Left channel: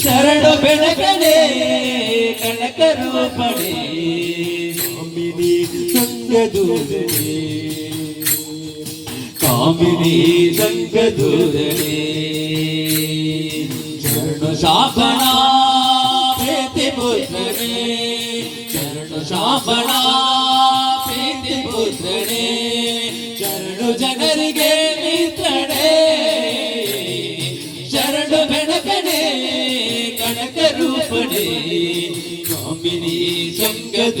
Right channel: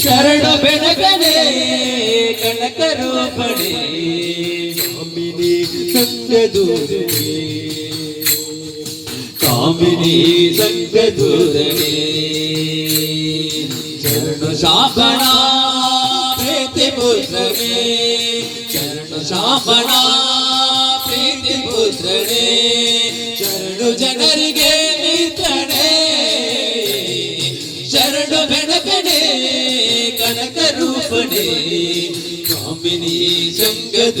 ಶರಣ ಬೆಳಗಣೇ ಕನಗಣೆ ಕಾಮಿಣಿ ಸಂಗ ದೂರೇ ಕಾಮಿಣಿ ಸಂಗ ಜನರಿಗೆ ಸಾಗರಿ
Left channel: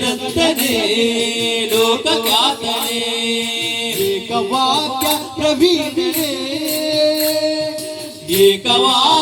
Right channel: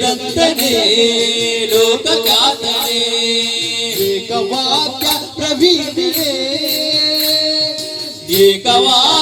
रत्ने लोक कातने एक वाक्य प्रवीणे एक वाक्य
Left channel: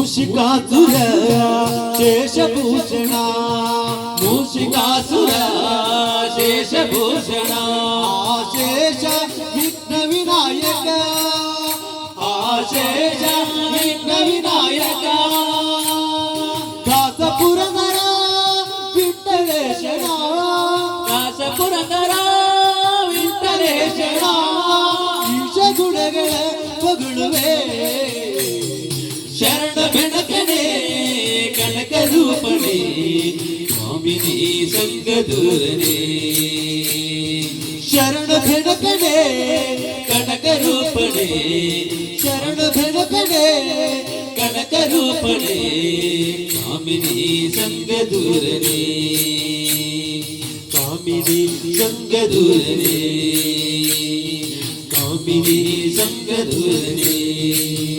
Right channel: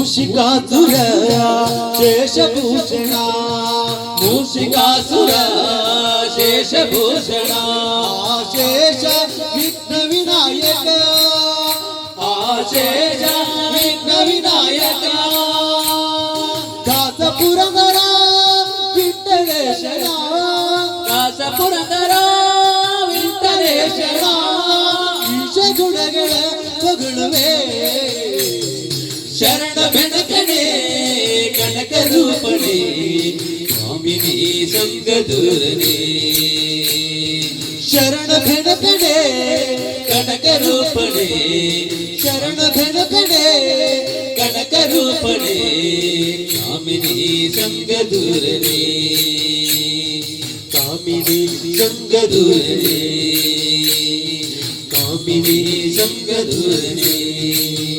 శేషభూషణ మూషికాసుర శేషభూషణ ఆశేష విఘ్న వినాయక ఆశేష విఘ్న వినాయక కాసపుర విత్తలేశ విత్తలేశ గుణగణ పగుణమే ಪಡೆ ಸ್ವಾಮಿನಿ ಸಂಗ ದೂರನೆ ಶರಣ ಭೆಣ ಪಡೆ ಕನಕ ರೂಪಣೆ ಶರಣ ಭೆಣ ಪಡೆ ಕನಕ ರೂಪಣೆ ಸ್ವಾಮಿನಿ ಸಂಗ ದೂರನೆ ಸ್ವಾಮಿನಿ ಸಂಗ ದೂರನೆ ಸ್ವಾಮಿನಿ ಸಂಗ ದೂರನೆ